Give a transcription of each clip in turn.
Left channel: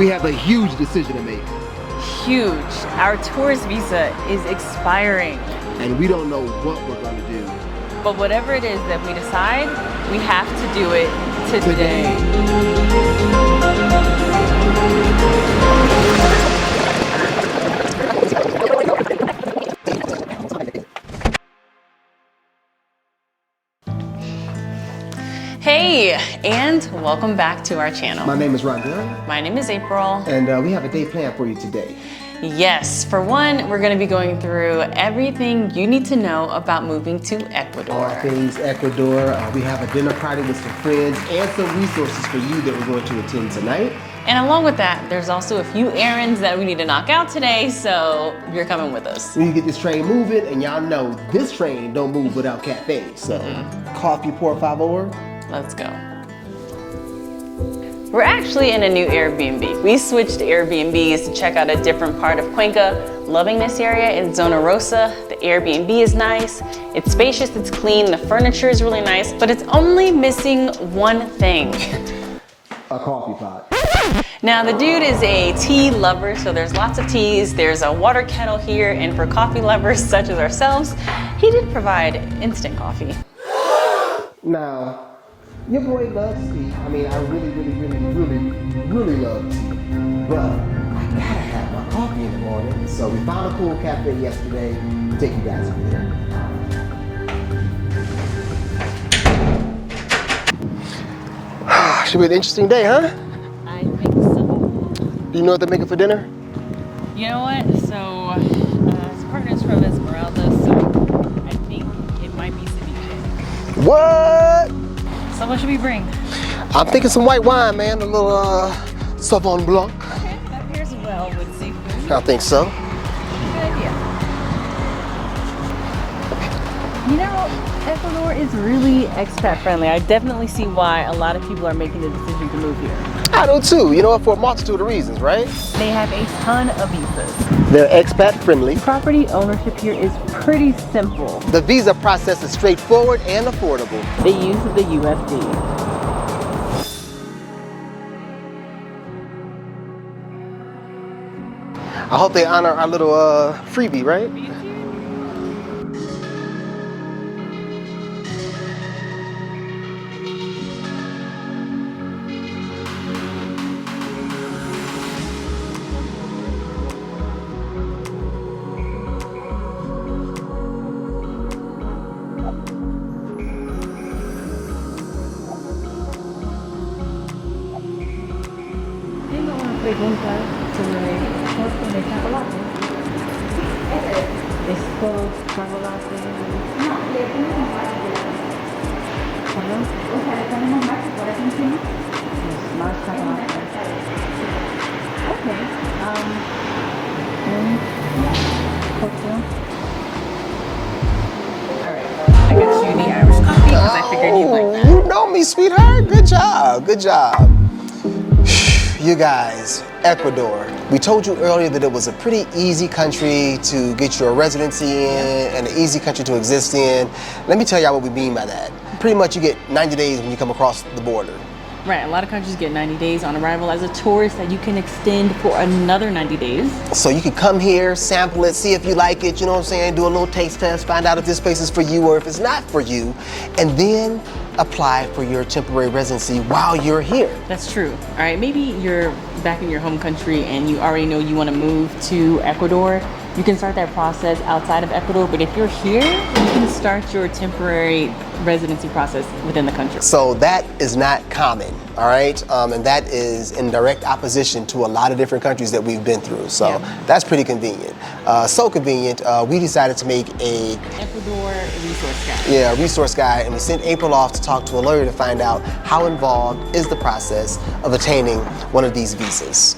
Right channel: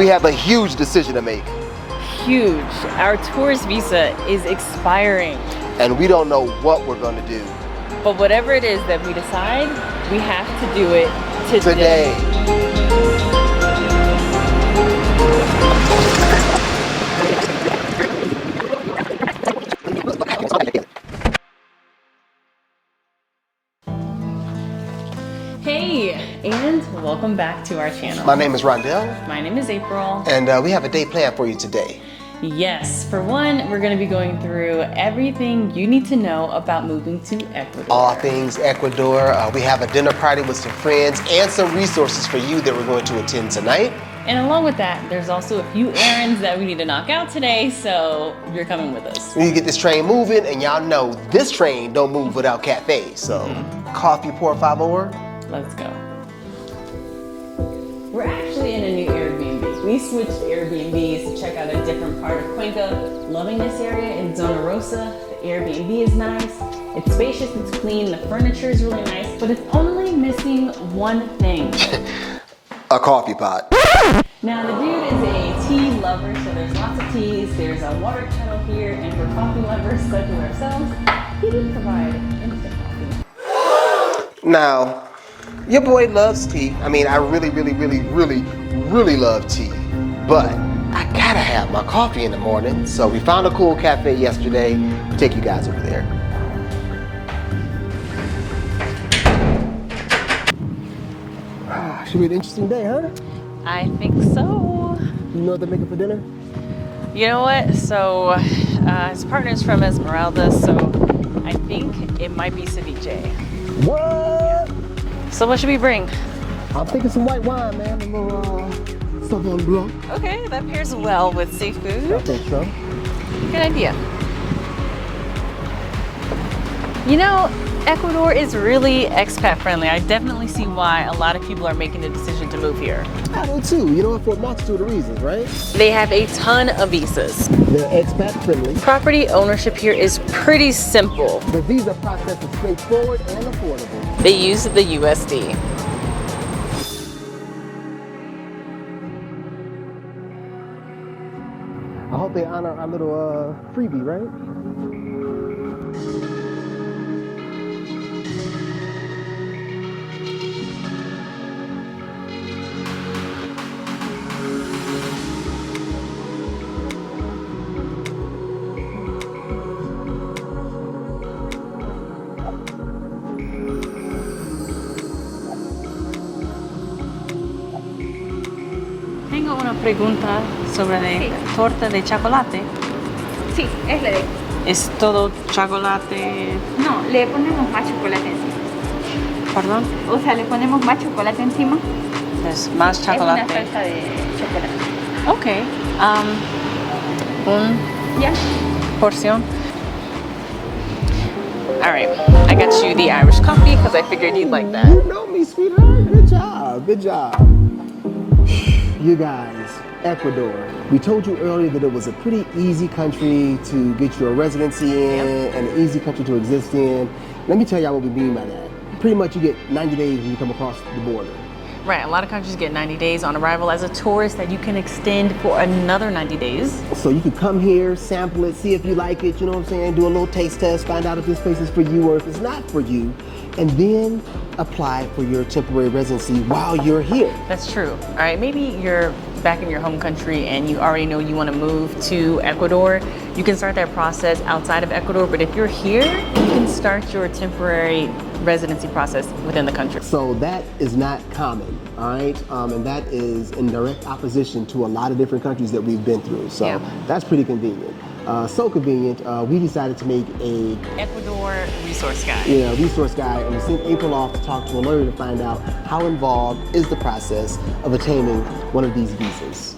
We have a huge decision to make. Huge. Our tourist visa is expiring. And we don't know what we're going to do. But whatever it is that we decide, we have to do it today. Hey, and welcome back to our channel. My name is Rondell. My name is April. And we have a day planned for you today. Yes, for one, we're gonna be going through everything you need to know about moving to Ecuador. All things Ecuador. We have a dinner party with some friends and some resources for you that we're going to attend tonight. And along with that, there's also a few errands that we need to knock out today, so you're coming with us. We need to get this train moving, and y'all know this train don't move without cafe. So, coffee, por favor. Let's go. We're actually in a new Airbnb. We switched Airbnbs to check out a different part of Cuenca. Loving this area in Zona Rosa. The Airbnb is nice, it's spacious, it's clean, the furniture is really nice, but it's only missing one thing. A coffee pot. Now the dude is a tea lover, so there's lots of teas. There's a water kettle here, and for coffee lovers such as ourselves, he did provide instant coffee. Now, your boy loves tea. I mean, I really love tea. But I gotta have my coffee in the morning. So we found a cool cafe yesterday. Take you guys over there. Should be an interesting day, huh? I think so. You know what they're making for dinner? You know what? So his partner's from Esmeralda, so I think it might be ceviche. What? So what should we bring? I'm thinking some white wine, man. A little Sauvignon Blanc. Okay, that pairs well with seafood. I think so. Good idea. You know, Ecuador is really expat friendly. I definitely see why a lot of people are making the decision to move here. I do too, you know, for a multitude of reasons, right? They have a ton of visas. They're expat friendly. Property ownership here is pretty simple. The visa process is straightforward and affordable. They use the USD. I hope they honor our little freebie, right? Tengo una pregunta sobre la torta de chocolate. Sí, ¿Es todo chocolate? No, le ponemos más chocolate encima. Perdón. O sea, le ponemos más chocolate encima. Es más Es una chocolate. salsa de chocolate. Okay. ¿Ya? Porción. All right. I got you the Irish coffee because I figured you'd like that. You know me, sweetheart. Good job. Good job. You guys, Ecuador. We told you earlier that it was a pretty easy country to get your residency in and an easy country to exist in. Let me tell y'all what we mean by that. Pretty much you get 90 days when you come across the border. Right, a lot of countries get 90 days on arrival as a tourist that you can extend for another 90 days. So you can come here, sample it, see if you like it, you know what I'm saying? Do a little taste test, find out if this place is for you or if it's not for you, and then apply for your temporary residency while you're here. That's true. All right, maybe you're back in your home country and you already know you want to move to Ecuador. You can start that process outside of Ecuador, but if you're here, you can start your temporary residency process within the country. So that is not common, all right? And that is in direct opposition to a lot of different countries that we've been through. So that's pretty convenient. So convenient, we decided to make a Ecuador resource guide. Yeah, a resource guide, and we sent April off to talk to a lawyer to find out how involved is the process of attaining one of these visas.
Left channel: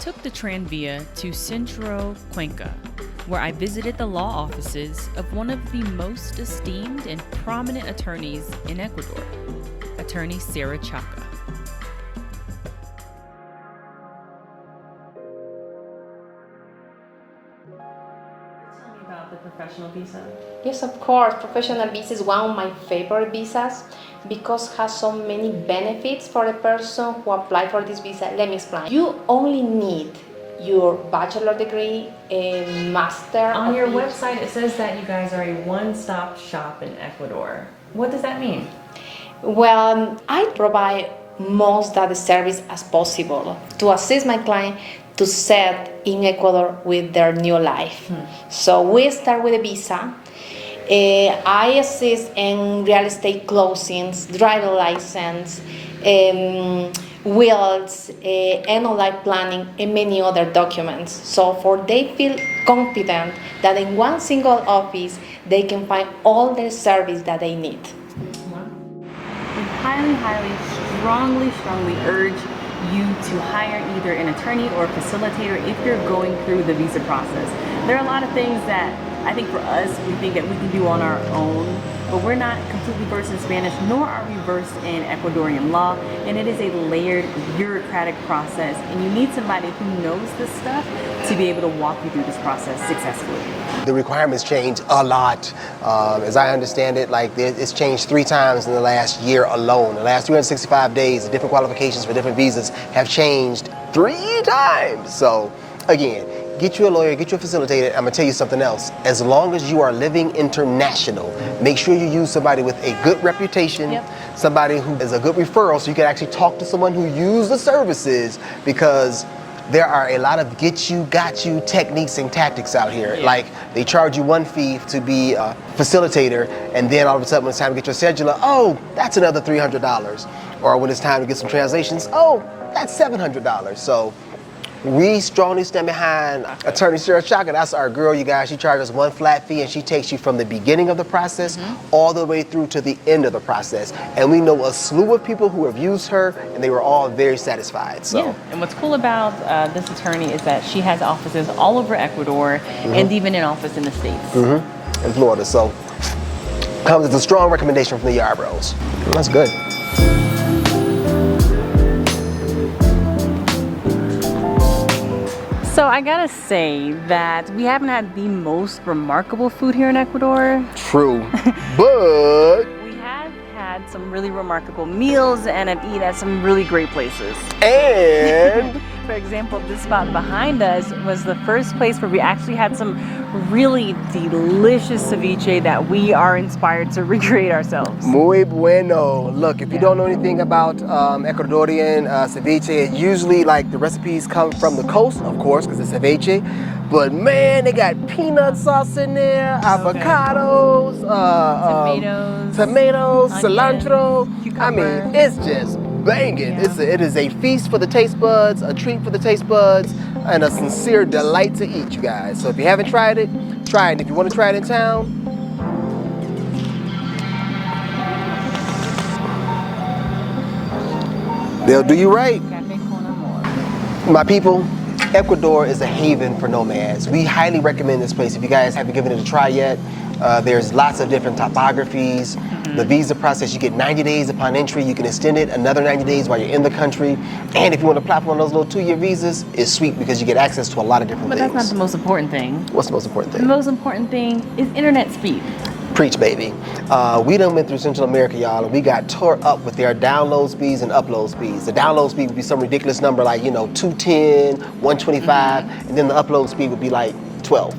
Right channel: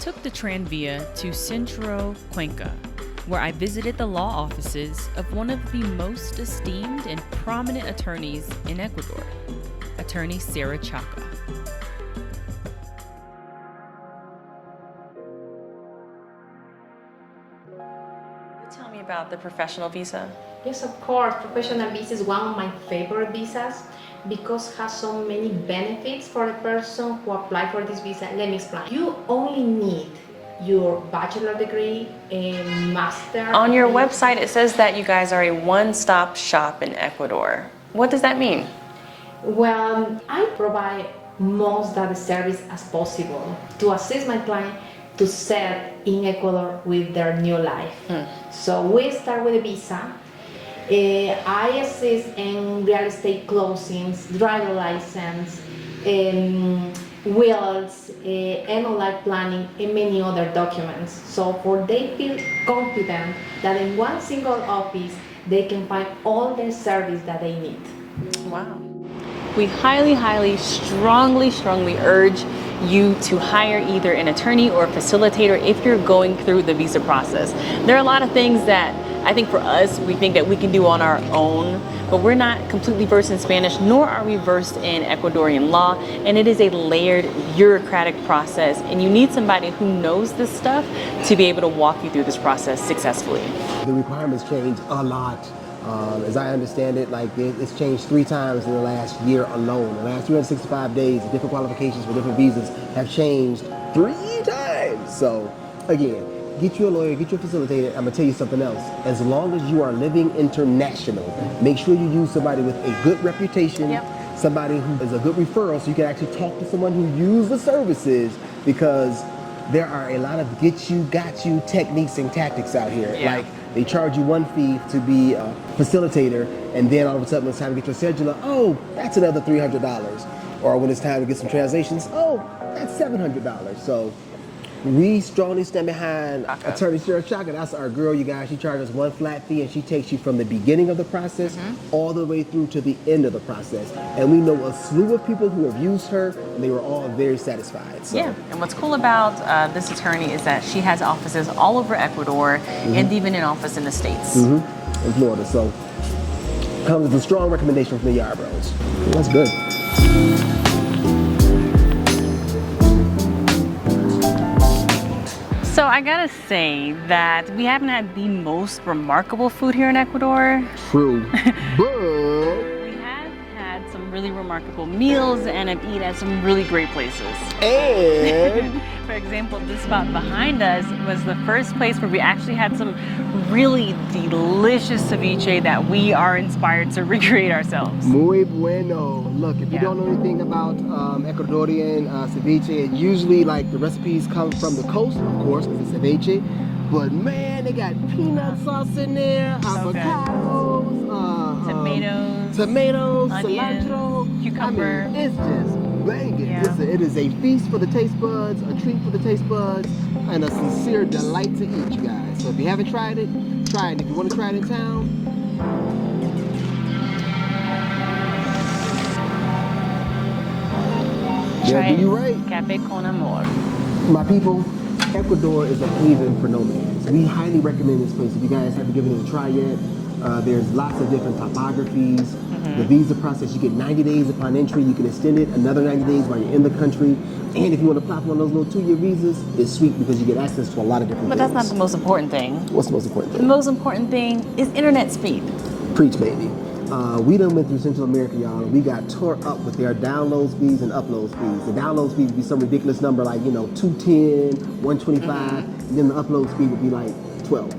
took the Tranvia to Centro Cuenca, where I visited the law offices of one of the most esteemed and prominent attorneys in Ecuador, attorney Sara Chaca. Tell me about the professional visa. Yes, of course. Professional visa is one of my favorite visas because it has so many benefits for the person who apply for this visa. Let me explain. You only need your bachelor degree, a master. On your website, it says that you guys are a one-stop shop in Ecuador. What does that mean? Well, I provide most of the service as possible to assist my client to set in Ecuador with their new life. So we start with a visa. I assist in real estate closings, driver license, wills, NOI planning, and many other documents. So for they feel confident that in one single office they can find all the service that they need. Wow. We highly, strongly urge you to hire either an attorney or a facilitator if you're going through the visa process. There are a lot of things that I think for us, we think that we can do on our own, but we're not completely versed in Spanish, nor are we versed in Ecuadorian law, and it is a layered bureaucratic process, and you need somebody who knows this stuff to be able to walk you through this process successfully. The requirements change a lot. As I understand it, like it's changed 3 times in the last year alone. The last 365 days, the different qualifications for different visas have changed 3 times. So again, get you a lawyer, get you a facilitator. I'm gonna tell you something else. As long as you are living international, make sure you use somebody with a good reputation, somebody who is a good referral so you can actually talk to someone who uses the services, because there are a lot of get you, got you techniques and tactics out here. Like they charge you one fee to be a facilitator, and then all of a sudden when it's time to get your scheduler, oh, that's another $300. Or when it's time to get some translations, oh, that's $700. So we strongly stand behind attorney Sara Chaca. That's our girl, you guys. She charges one flat fee, and she takes you from the beginning of the process all the way through to the end of the process. And we know a slew of people who have used her, and they were all very satisfied. So. Yeah, and what's cool about this attorney is that she has offices all over Ecuador and even an office in the States. In Florida. So comes as a strong recommendation from the Yarbros. That's good. So I gotta say that we haven't had the most remarkable food here in Ecuador. True, but we have had some really remarkable meals and have eaten at some really great places. and For example, this spot behind us was the first place where we actually had some really delicious ceviche that we are inspired to recreate ourselves. muy bueno. Look, if you don't know anything about Ecuadorian ceviche, usually like the recipes come from the coast, of course, because it's ceviche. But man, they got peanut sauce in there, avocados, tomatoes, onion, cilantro. cucumber. I mean, it's just banging. It is a feast for the taste buds, a treat for the taste buds, and a sincere delight to eat, you guys. So if you haven't tried it, try it. If you want to try it in town, they'll do you right. Cafe con amor. My people, Ecuador is a haven for nomads. We highly recommend this place. If you guys haven't given it a try yet, there's lots of different topographies. The visa process, you get 90 days upon entry. You can extend it another 90 days while you're in the country. And if you want to apply for one of those little 2-year visas, it's sweet because you get access to a lot of different things. But that's not the most important thing. What's the most important The thing? most important thing is internet speed. Preach, baby. We done went through Central America, y'all, and we got tore up with their download speeds and upload speeds. The download speed would be some ridiculous number like, 210, 125, and then the upload speed would be like 12.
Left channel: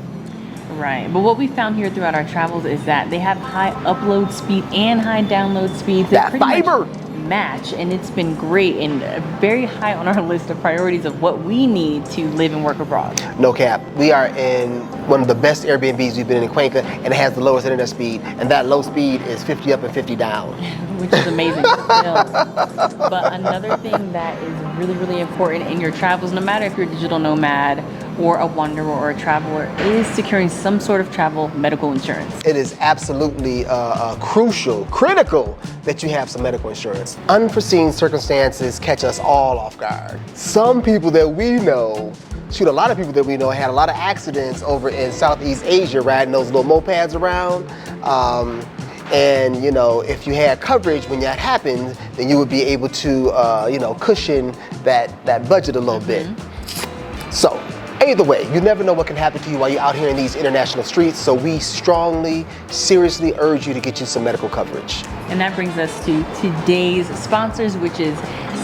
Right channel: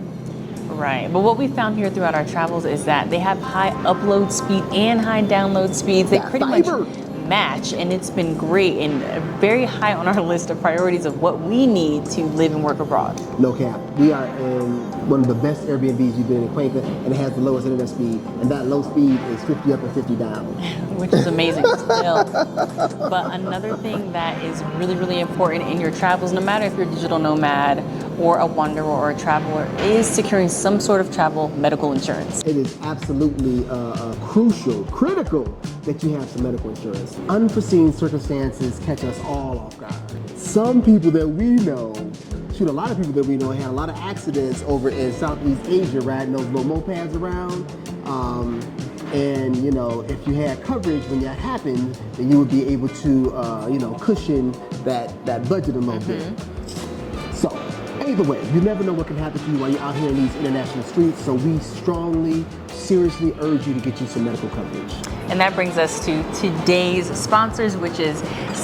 Right, but what we found here throughout our travels is that they have high upload speed and high download speeds that pretty fiber much match, and it's been great and very high on our list of priorities of what we need to live and work abroad. No cap. We are in one of the best Airbnbs we've been in Cuenca, and it has the lowest internet speed, and that low speed is 50 up and 50 down. Which is amazing still. But another thing that is really, really important in your travels, no matter if you're a digital nomad or a wanderer or a traveler is securing some sort of travel medical insurance. It is absolutely critical that you have some medical insurance. Unforeseen circumstances catch us all off guard. Some people that we know, a lot of people that we know had a lot of accidents over in Southeast Asia riding those little mopeds around. And you know, if you had coverage when that happened, then you would be able to, you know, cushion that budget a little bit. So, either way, you never know what can happen to you while you're out here in these international streets. So we strongly, seriously urge you to get you some medical coverage. And that brings us to today's sponsors, which is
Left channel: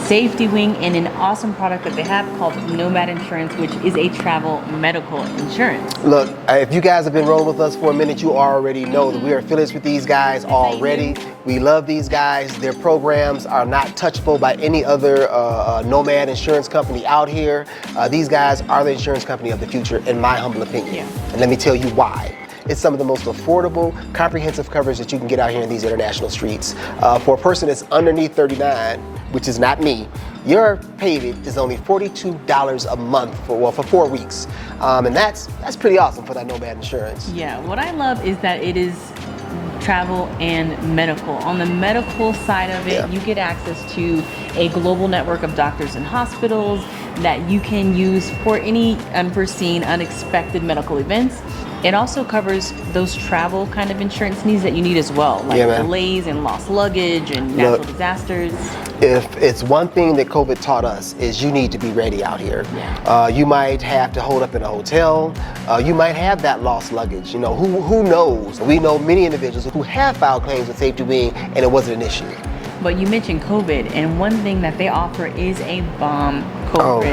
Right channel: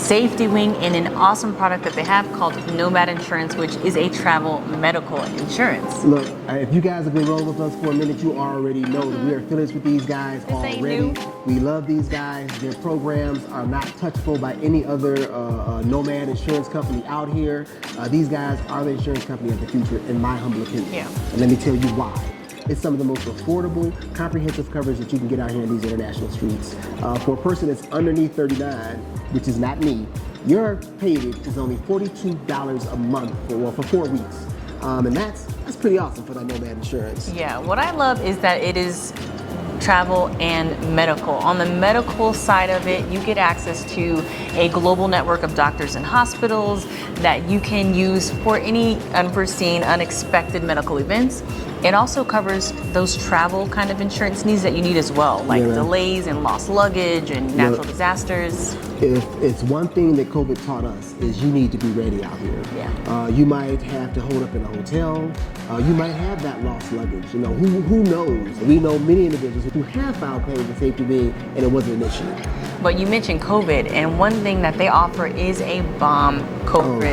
SafetyWing and an awesome product that they have called Nomad Insurance, which is a travel medical insurance. Look, if you guys have been rolling with us for a minute, you already know that we are affiliates with these guys already. We love these guys. Their programs are not touchable by any other nomad insurance company out here. These guys are the insurance company of the future, in my humble opinion. Yeah. And let me tell you why. It's some of the most affordable, comprehensive coverage that you can get out here in these international streets. For a person that's underneath 39, which is not me, your payment is only $42 a month for 4 weeks. And that's pretty awesome for that Nomad insurance. Yeah, what I love is that it is travel and medical. On the medical side of it, you get access to a global network of doctors and hospitals that you can use for any unforeseen, unexpected medical events. It also covers those travel kind of insurance needs that you need as well, like delays and lost luggage and natural disasters. If it's one thing that COVID taught us is you need to be ready out here. Yeah. You might have to hold up in a hotel. You might have that lost luggage. You know, who knows? We know many individuals who have filed claims with SafetyWing and it wasn't an issue. But you mentioned COVID, and one thing that they offer is a bomb COVID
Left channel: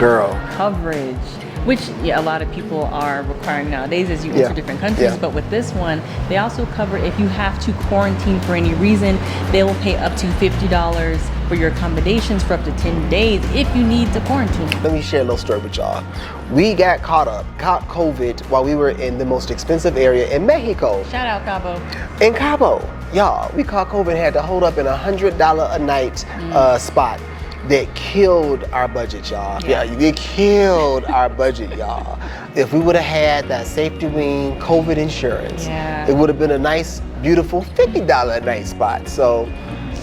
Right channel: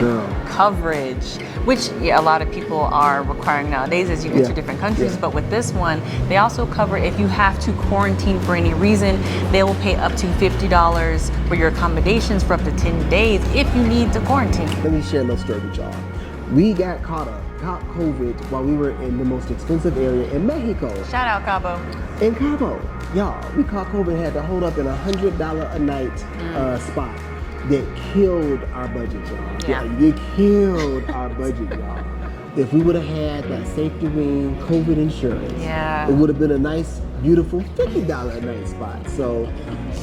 coverage, which a lot of people are requiring nowadays as you enter different countries. But with this one, they also cover if you have to quarantine for any reason, they will pay up to $50 for your accommodations for up to 10 days if you need to quarantine. Let me share a little story with y'all. We got caught COVID while we were in the most expensive area in Mexico. Shout out Cabo. In Cabo, y'all, we caught COVID and had to hold up in $100 a night spot. That killed our budget, y'all. Yeah, it killed our budget, y'all. If we would have had that SafetyWing COVID insurance, it would have been a nice, beautiful $50 a night spot. So,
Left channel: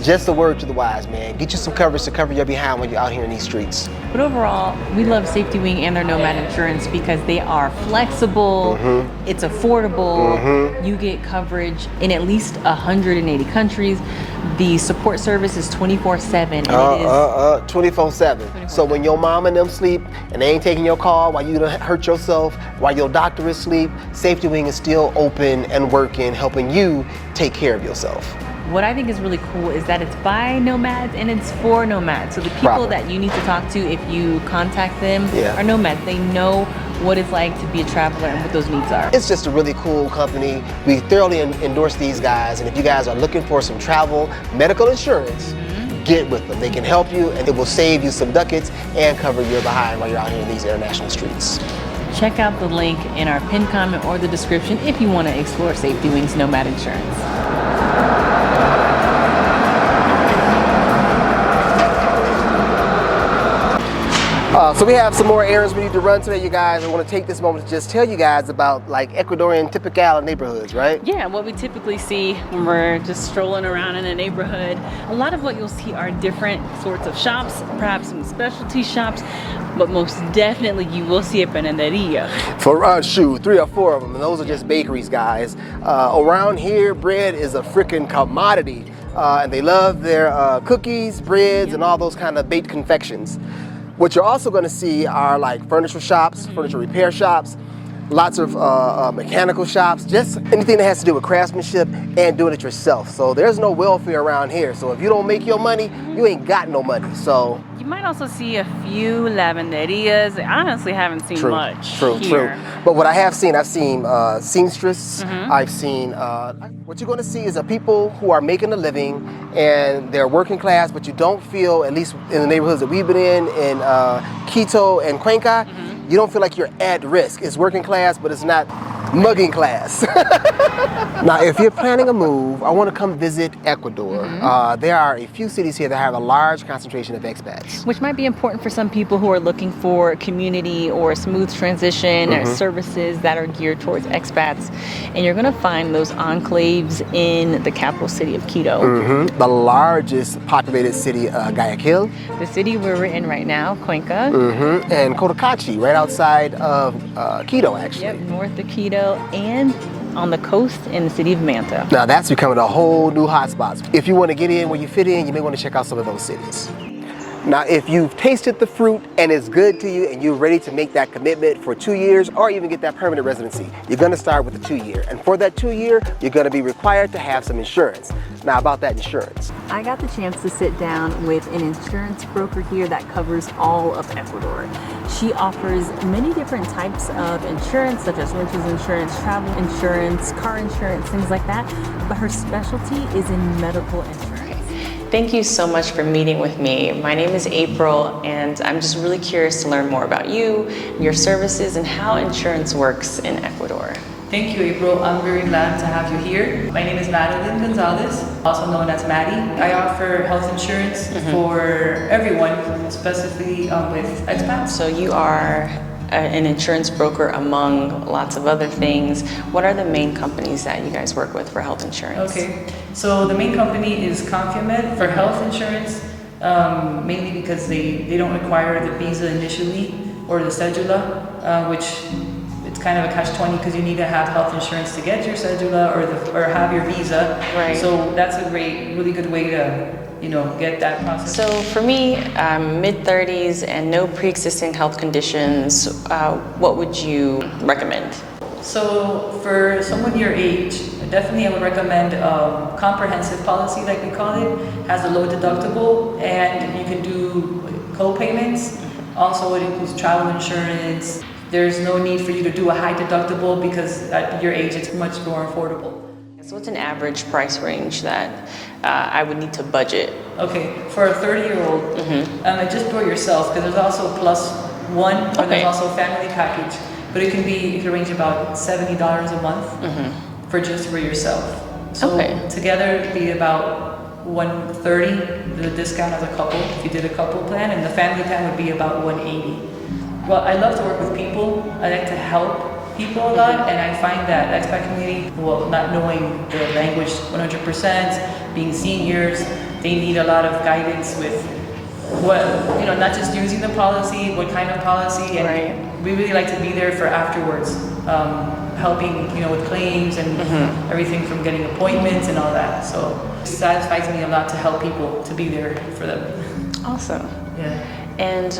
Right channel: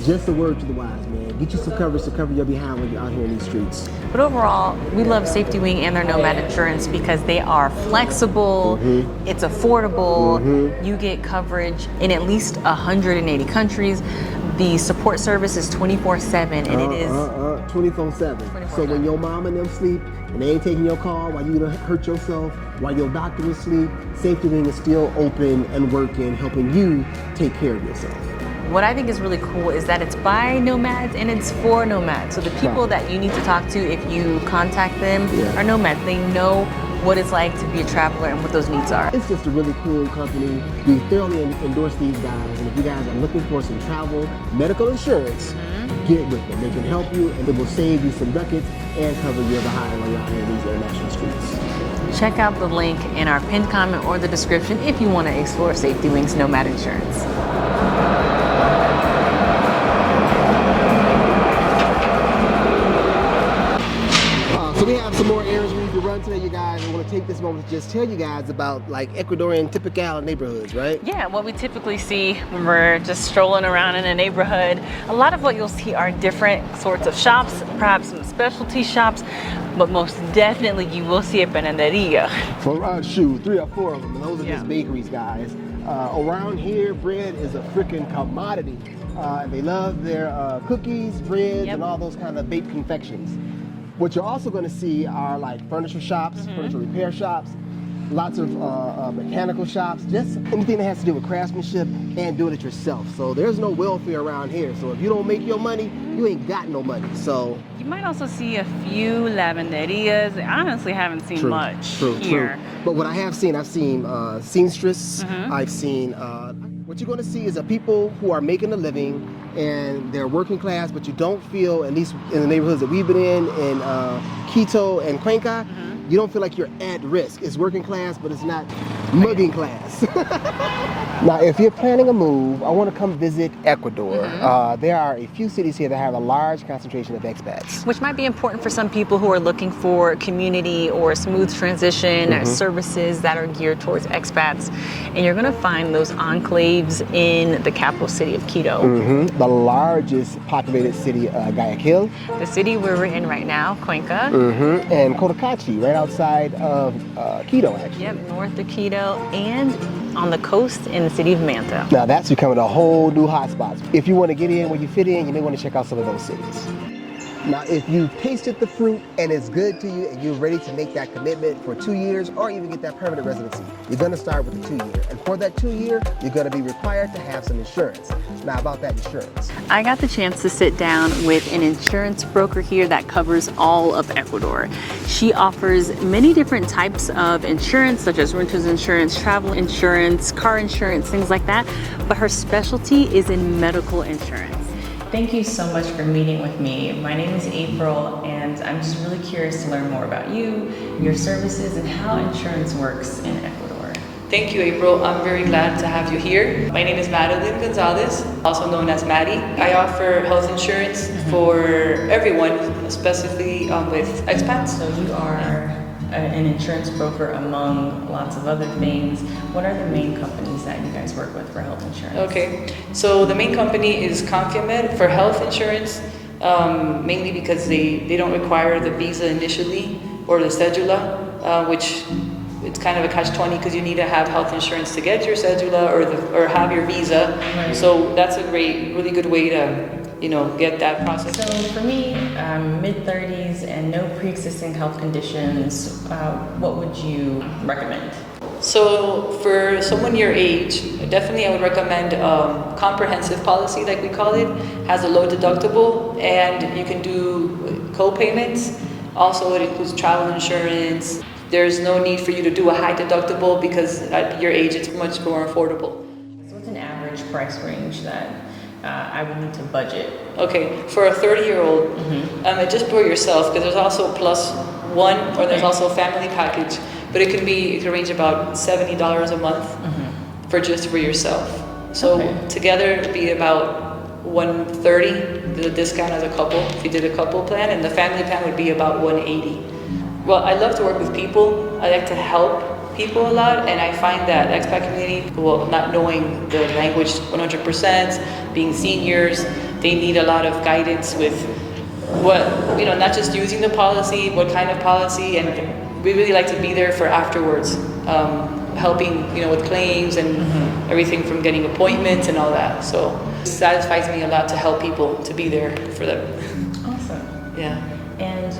just a word to the wise, man. Get you some coverage to cover your behind when you're out here in these streets. But overall, we love SafetyWing and their Nomad Insurance because they are flexible, it's affordable, you get coverage in at least 180 countries. The support service is 24/7 and it is 24/7. So when your mom and them sleep and they ain't taking your call while you done hurt yourself, while your doctor is asleep, SafetyWing is still open and working, helping you take care of yourself. What I think is really cool is that it's by nomads and it's for nomads. So the people that you need to talk to if you contact them are nomads. They know what it's like to be a traveler and what those needs are. It's just a really cool company. We thoroughly endorse these guys, and if you guys are looking for some travel medical insurance, get with them. They can help you and it will save you some ducats and cover your behind while you're out here in these international streets. Check out the link in our pinned comment or the description if you want to explore SafetyWing's Nomad Insurance. So we have some more errands we need to run today, you guys. I want to take this moment to just tell you guys about like Ecuadorian typical neighborhoods, right? Yeah, what we typically see when we're just strolling around in a neighborhood, a lot of what you'll see are different sorts of shops, perhaps some specialty shops, but most definitely you will see a panaderia. For 3 or 4 of them, and those are just bakeries, guys. Around here, bread is a freaking commodity, and they love their cookies, breads, and all those kind of baked confections. What you're also going to see are like furniture shops, furniture repair shops, lots of mechanical shops, just anything that has to do with craftsmanship and doing it yourself. So there's no welfare around here. So if you don't make your money, you ain't got no money. So you might also see a few lavanderias. I honestly haven't seen much here. But what I have seen, I've seen seamstress. I've seen, what you're going to see is people who are making a living and they're working class, but you don't feel, at least in the neighborhoods that we've been in Quito and Cuenca, you don't feel like you're at risk. It's working class, but it's not mugging class. Now, if you're planning a move, I want to come visit Ecuador. There are a few cities here that have a large concentration of expats. Which might be important for some people who are looking for community or a smooth transition or services that are geared towards expats. And you're going to find those enclaves in the capital city of Quito. The largest populated city, Guayaquil. The city where we're in right now, Cuenca. And Cotocachi, right outside of Quito, actually. Yep, north of Quito and on the coast in the city of Manta. Now that's becoming a whole new hotspot. If you want to get in where you fit in, you may want to check out some of those cities. Now, if you've tasted the fruit and it's good to you and you're ready to make that commitment for 2 years or even get that permanent residency, you're going to start with the 2 year. And for that 2 year, you're going to be required to have some insurance. Now, about that insurance. I got the chance to sit down with an insurance broker here that covers all of Ecuador. She offers many different types of insurance, such as renter's insurance, travel insurance, car insurance, things like that. But her specialty is in medical insurance. Thank you so much for meeting with me. My name is April, and I'm just really curious to learn more about you, your services, and how insurance works in Ecuador. Thank you, April. I'm very glad to have you here. My name is Madeline Gonzalez, also known as Mady. I offer health insurance for everyone, specifically with expats. So you are an insurance broker among lots of other things. What are the main companies that you guys work with for health insurance? Okay, so the main company is Confimed for health insurance, mainly because they don't require the visa initially or the cedula, which it's kind of a catch-20 because you need to have health insurance to get your cedula or have your visa. Right. So that's a really good way to get that process. So for me, mid-30s and no pre-existing health conditions, what would you recommend? So for someone your age, definitely I would recommend a comprehensive policy, like we call it. Has a low deductible and you can do co-payments. Also, it includes travel insurance. There's no need for you to do a high deductible because at your age it's much more affordable. So what's an average price range that I would need to budget? Okay, for a 30-year-old, just for yourself, because there's also +1 or there's also a family package, but it can range about $70 a month for yourself. So together it'd be about $130, the discount as a couple, if you did a couple plan, and the family plan would be about $180. Well, I love to work with people. I like to help people a lot, and I find that the expat community, not knowing the language 100%, being seniors, they need a lot of guidance with what, not just using the policy, what kind of policy, and we really like to be there for afterwards, helping, with claims and everything from getting appointments and all that. So it satisfies me a lot to help people, to be there for them. Awesome. Yeah. And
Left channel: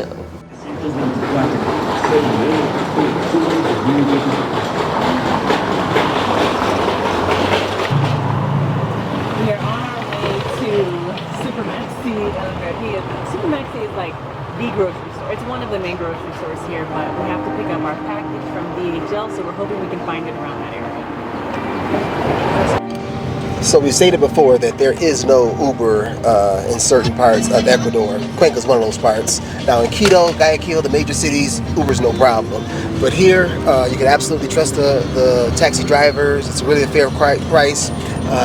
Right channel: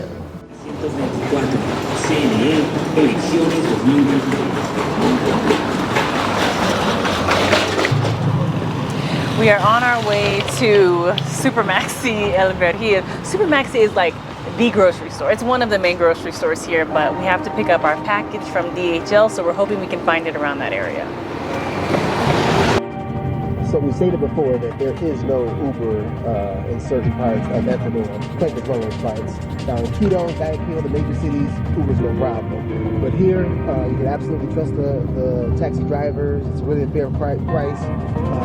we are on our way to Supermaxi El Vergil. Supermaxi is like the grocery store. It's one of the main grocery stores here, but we have to pick up our package from DHL, so we're hoping we can find it around that area. So we stated before that there is no Uber in certain parts of Ecuador. Cuenca is one of those parts. Now in Quito, Guayaquil, the major cities, Uber's no problem. But here, you can absolutely trust the taxi drivers. It's really a fair price.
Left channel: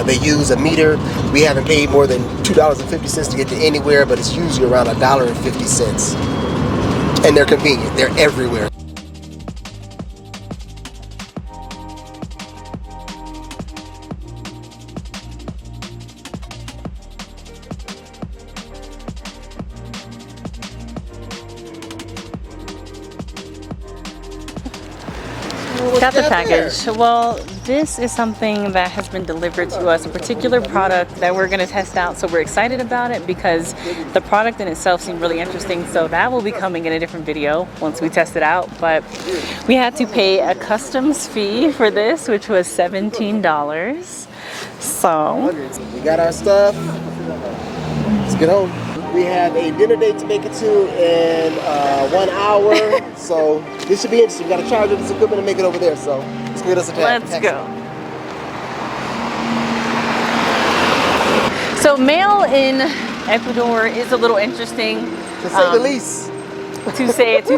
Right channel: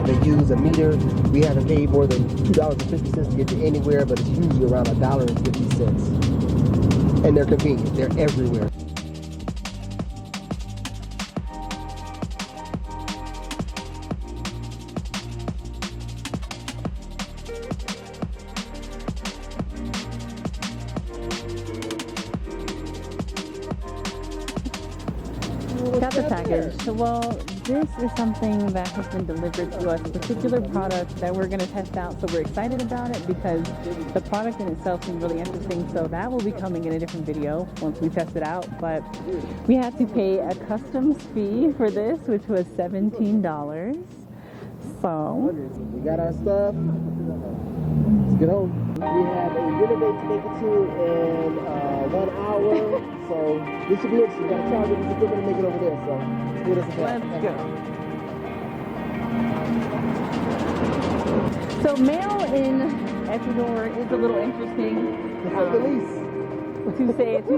They use a meter. We haven't paid more than $2.50 to get to anywhere, but it's usually around $1.50. And they're convenient. They're everywhere. Got the package. Well, this is something that has been delivered to us, a particular product that we're going to test out. So we're excited about it because the product in itself seemed really interesting. So that will be coming in a different video once we test it out. But we had to pay a customs fee for this, which was $17. So we got our stuff. Let's get home. We have a dinner date to make it to in 1 hour, so this should be interesting. We got to charge this equipment and make it over there, so let's get us a taxi. Let's go. So mail in Ecuador is a little interesting. To say the least. To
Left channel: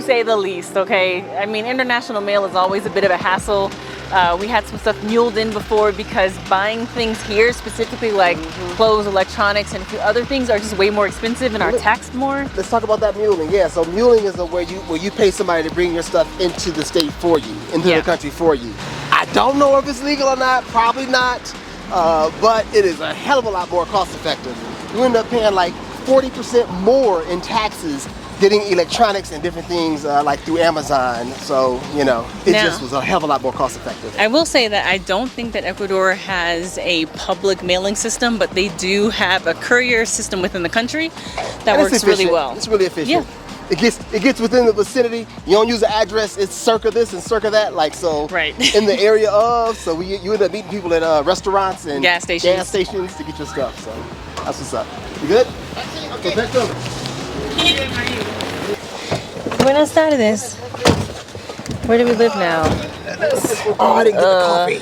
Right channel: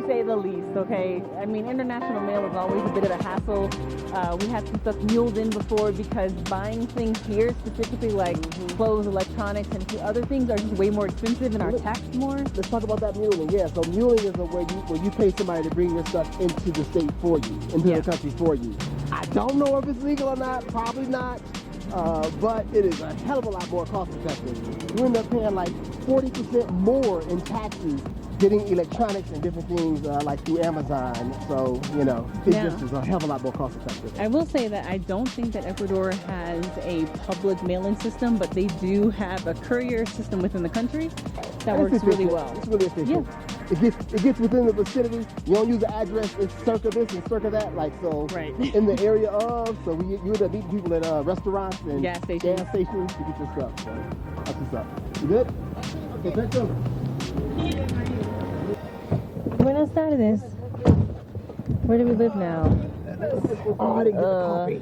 say the least, okay? I mean, international mail is always a bit of a hassle. We had some stuff muled in before because buying things here, specifically like clothes, electronics, and a few other things are just way more expensive and are taxed more. Let's talk about that muling. Yeah, so muling is where you pay somebody to bring your stuff into the state for you, into the country for you. I don't know if it's legal or not, probably not, but it is a hell of a lot more cost effective. You end up paying like 40% more in taxes getting electronics and different things like through Amazon. So, you know, it just was a hell of a lot more cost effective. I will say that I don't think that Ecuador has a public mailing system, but they do have a courier system within the country that works really well. It's really efficient. Yeah. It gets within the vicinity. You don't use the address. It's circa this and circa that, like so. Right. In the area of, so you end up meeting people at restaurants and gas stations to get your stuff. So that's what's up. You good? Okay, back over. Buenas tardes. Where do we live now? Oh, I didn't get the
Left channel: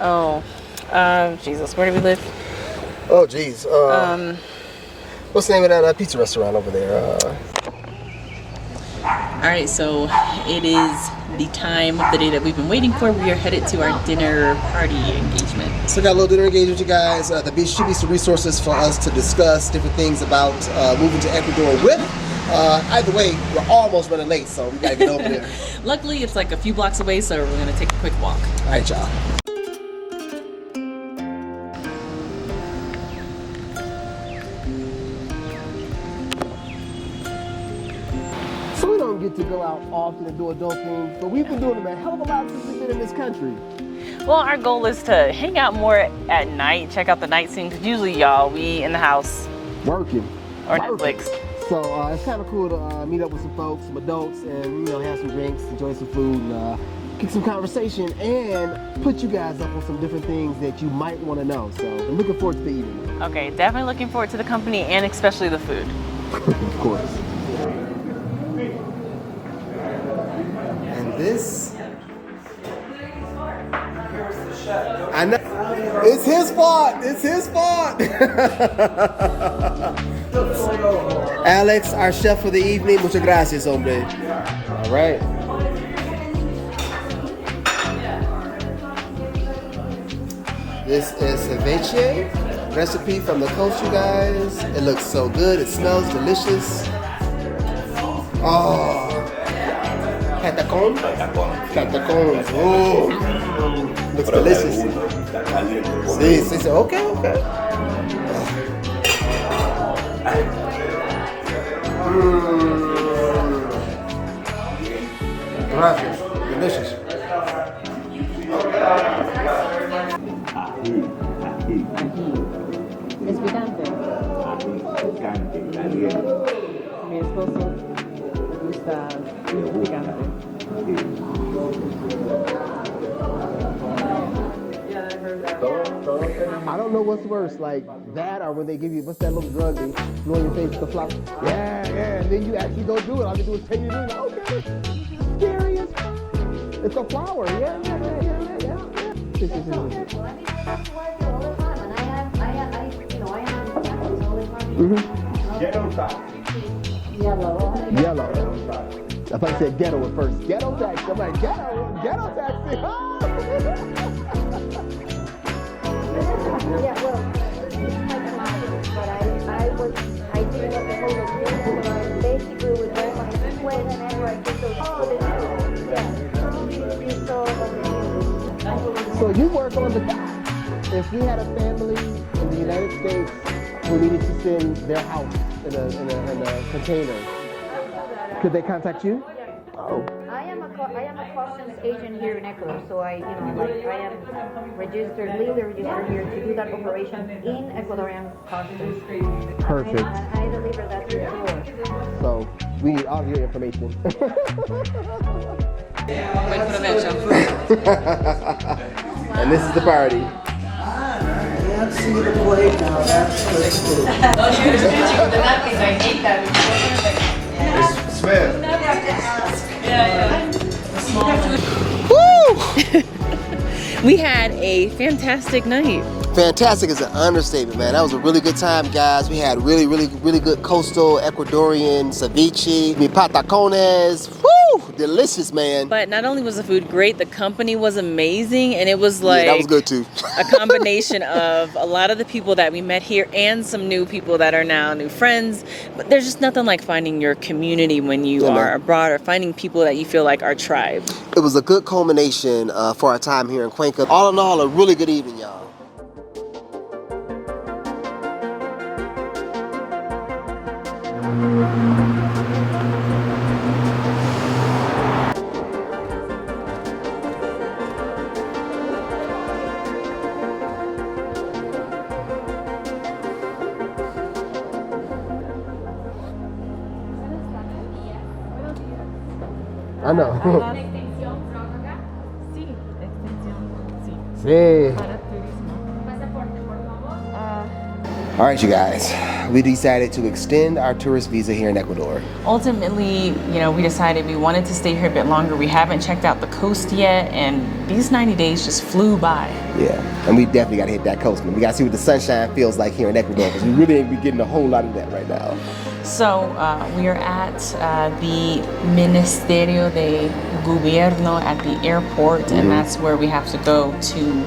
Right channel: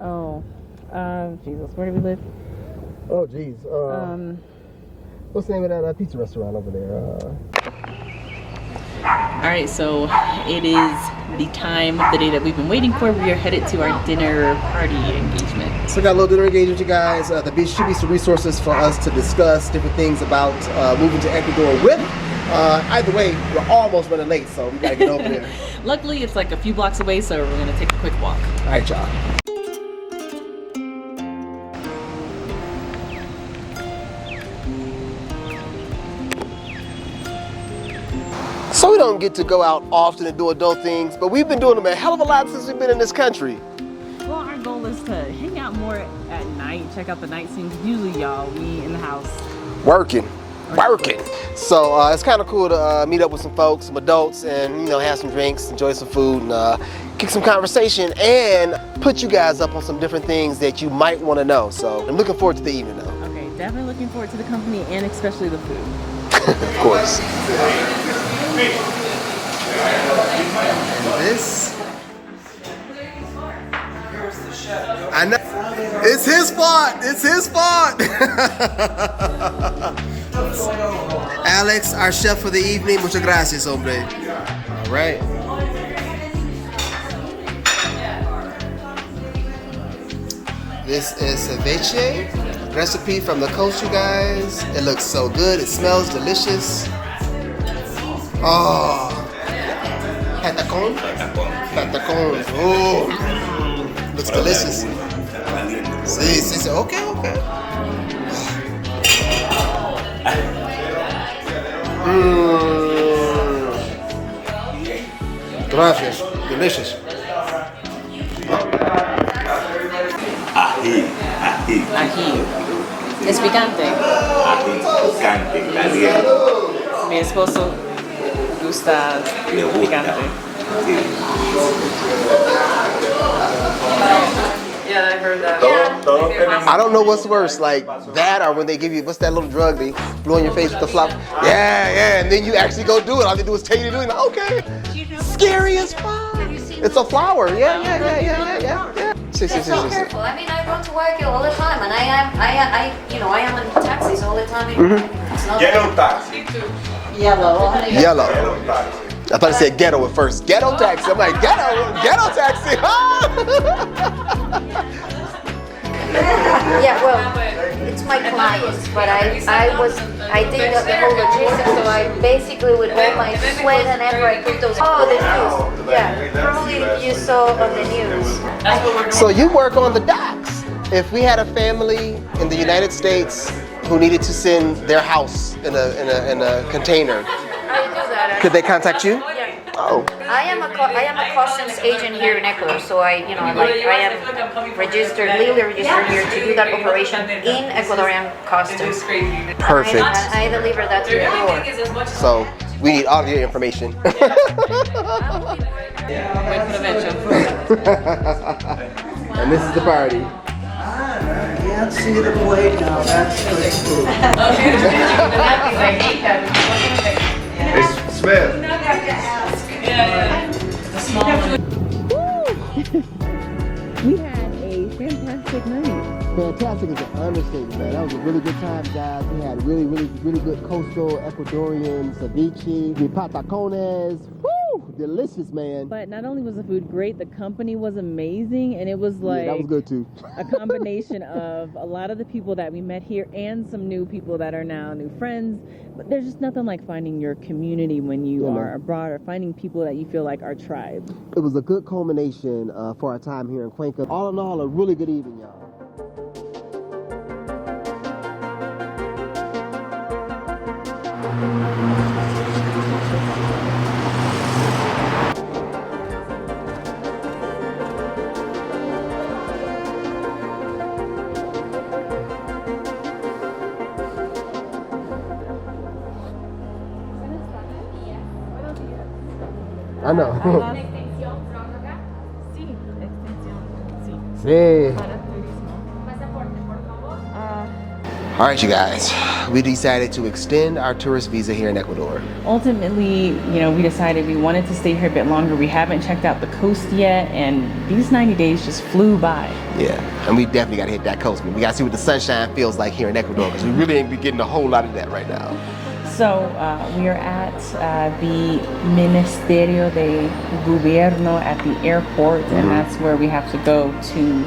coffee. Jesus, where do we live? Oh, geez. What's the name of that pizza restaurant over there? All right, so it is the time of the day that we've been waiting for. We are headed to our dinner party engagement. So got a little dinner engagement, you guys. There should be some resources for us to discuss different things about moving to Ecuador with. Either way, we're almost running late, so we gotta get over there. Luckily, it's like a few blocks away, so we're gonna take a quick walk. All right, y'all. So we don't get to go out often and do adult things, but we've been doing them a hell of a lot since we've been in this country. Well, our goal is to hang out more at night, check out the night scene, because usually, y'all, we in the house. Working. So it's kind of cool to meet up with some folks, some adults, and you know, have some drinks, enjoy some food, and kick some conversation, and put you guys up on some different things that you might want to know. So I'm looking forward to the evening though. Okay, definitely looking forward to the company and especially the food. Of course. And this, I know, it's his fault. It's his fault. Alex, our chef for the evening. Muchas gracias, hombre. All right. This is ceviche, recipe from the coast, you guys. It looks so good. It smells delicious. Oh, patacon. Oh, looks delicious. See, okay. Gracias, delicious. Ají. Es picante. Ají picante, caliente. Mi esposo gusta Le gusta. picante. Sí. Yeah, I heard that. Todos tenemos. I don't know what's worse, like that or when they give you, what's that little drug they blow in your face with the flop? Yeah, and then you actually go do it. All they do is tell you to do it. Okay. Scary as fuck. It's a flower. Yeah. See. So careful. I mean, I go to work all the time, and I am on taxis all the time. It's not Yellow taxi. Yellow. Yellow taxi. I thought it said ghetto at first. Ghetto taxi. I'm like, ghetto taxi. Yeah, well, it's my clients, but I did the whole logistics, so I basically with all my sweat and effort, I put those. Oh, the news. Yeah, probably you saw on the news. So you work on the docks. If we had a family in the United States who needed to send their house in a container, I do that. could they contact you? Yeah. Oh. I am a customs agent here in Ecuador, so I am legally registered here to do that operation in Ecuadorian customs. Perfect. And I deliver that to your door. So we need all of your information. Buen provecho. And this is the party. Can't see the plate now, that's the food. It smells. Woo! We had a fantastic night. Fantastic is an understatement, man. That was a really good time, guys. We had really good coastal Ecuadorian ceviche, mi patacones. Woo! delicious, man. But not only was the food great, the company was amazing, and it was like Yeah, that was good too. a combination of a lot of the people that we met here and some new people that are now new friends. But there's just nothing like finding your community when you are abroad, or finding people that you feel like are tribe. It was a good culmination for our time here in Cuenca. All in all, a really good evening, y'all. I know. Sí, extensión. Sí. Sí. Para turismo. Pasaporte, por favor. All right, you guys. We decided to extend our tourist visa here in Ecuador. Ultimately, you know, we decided we wanted to stay here a bit longer. We haven't checked out the coast yet, and these 90 days just flew by. Yeah, and we definitely got to hit that coast, man. We got to see what the sunshine feels like here in Ecuador, because we really ain't be getting a whole lot of that right now. So we are at the Ministerio de Gobierno at the airport, and that's where we have to go to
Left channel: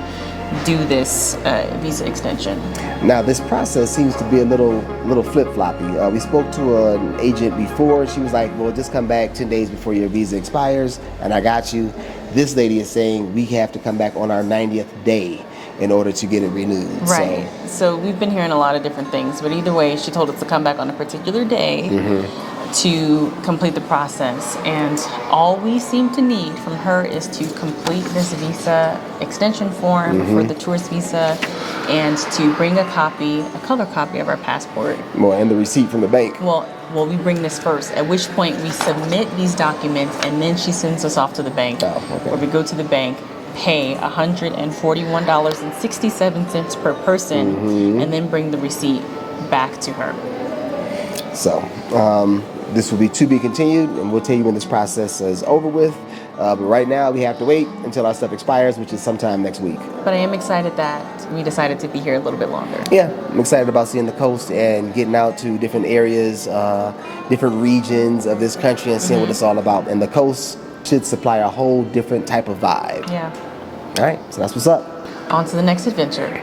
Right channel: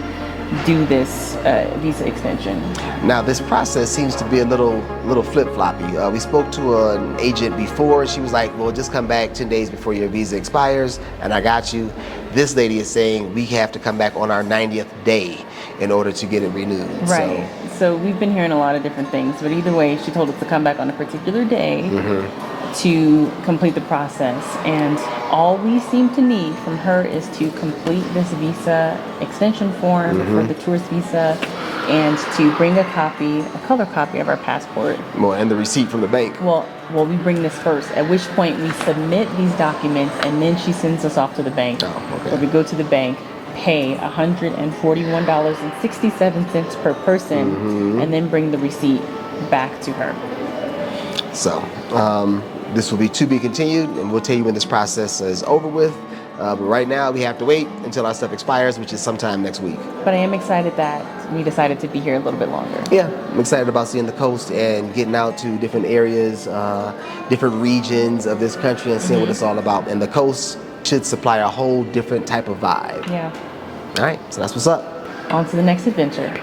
do this visa extension. Now, this process seems to be a little flip-floppy. We spoke to an agent before, and she was like, well, just come back 10 days before your visa expires, and I got you. This lady is saying we have to come back on our 90th day in order to get it renewed. Right. So we've been hearing a lot of different things, but either way, she told us to come back on a particular day to complete the process. And all we seem to need from her is to complete this visa extension form for the tourist visa, and to bring a color copy of our passport. Well, and the receipt from the bank. Well, we bring this first, at which point we submit these documents, and then she sends us off to the bank. Where we go to the bank, pay $141.67 per person, and then bring the receipt back to her. So, this will be to be continued, and we'll tell you when this process is over with. But right now, we have to wait until our stuff expires, which is sometime next week. But I am excited that we decided to be here a little bit longer. Yeah, I'm excited about seeing the coast and getting out to different areas, different regions of this country, and seeing what it's all about. And the coast should supply a whole different type of vibe. Yeah. All right, so that's what's up. On to the next adventure.